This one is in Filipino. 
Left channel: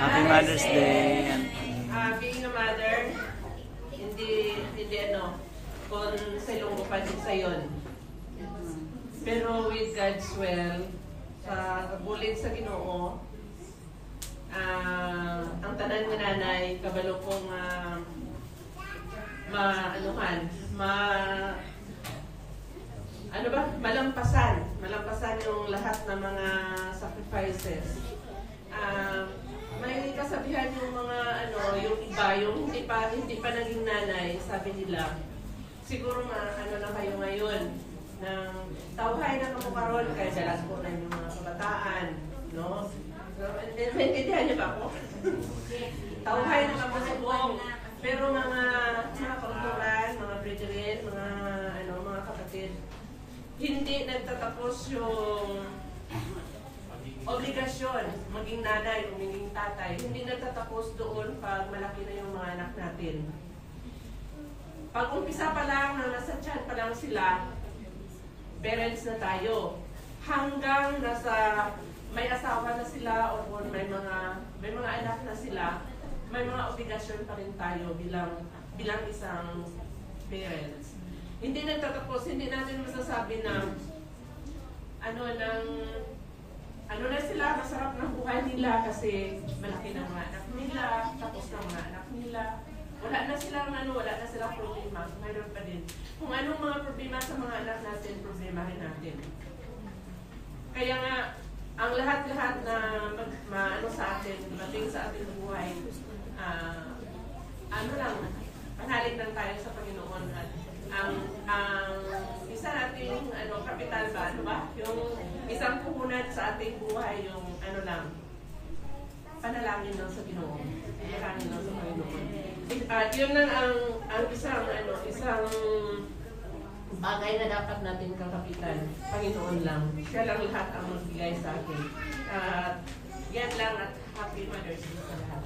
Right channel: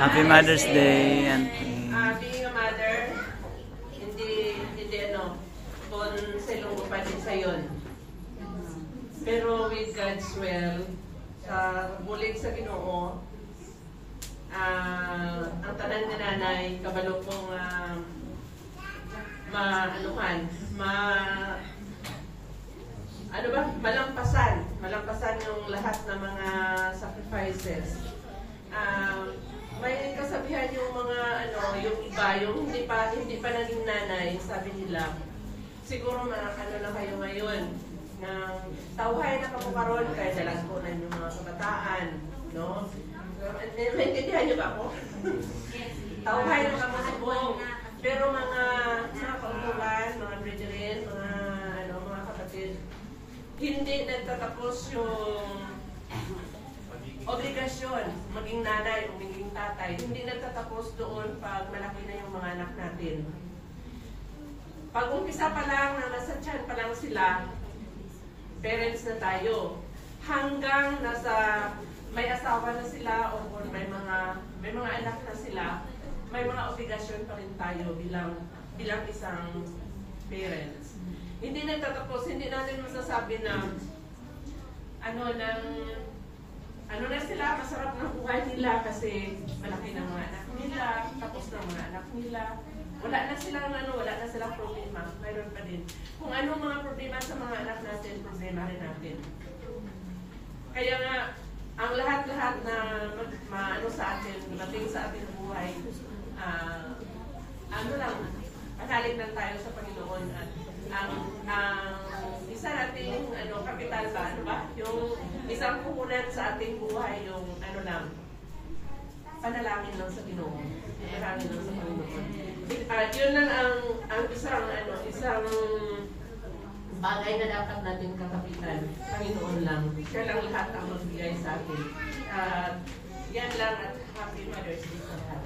Happy Mother's Day. And Being a mother, hindi kung silong pa din sa yun. Pero with God's will, sa bulit sa Ginoo, ang tanan ni nanay, kabalo kong malampasan yung lahat ng mga sacrifices. May kasabihan yung mga yung iba, yung hindi pa naging nanay, sabi nila, siguro na kayo ngayon, na tawhay na kamukaroon, kaya dalas ko na yung mga kabataan, no? Maintindihan niyo ba ako? Tawhay na kamusubong, pero mga kautulan, mga brethren, mga kapatid, hindi nagtatapos yung obligasyon, maging nanay, maging tatay, hindi nagtatapos doon pag malaki na yung mga anak natin. Pag umpisa pa lang, nasa tiyan pa lang sila, parents na tayo. Hanggang nasa may asawa na sila o may mga anak na sila, may mga obligasyon pa rin tayo bilang isang parents. Hindi nagtatapos, hindi natin masasabi na na sila, masarap ng buhay nila kasi malaki ng mga anak nila, tapos ng mga anak nila. Wala na silang problema. Mayroon pa din. Kung anong mga problema sa mga anak natin, problema rin natin. Kaya nga, ang lahat-lahat na sa atin, mating sa ating buhay, panalig lang tayo sa Panginoon. At ang isa nating kapital ba, yung isang puhunan sa ating buhay, yung panalangin lang sa Ginoo. Panalangin lang sa Panginoon. Yun lang ang isang bagay na dapat natin kakapitan. Panginoon lang. Siya lang lahat ang magbigay sa atin. Yan lang at Happy Mother's Day sa lahat.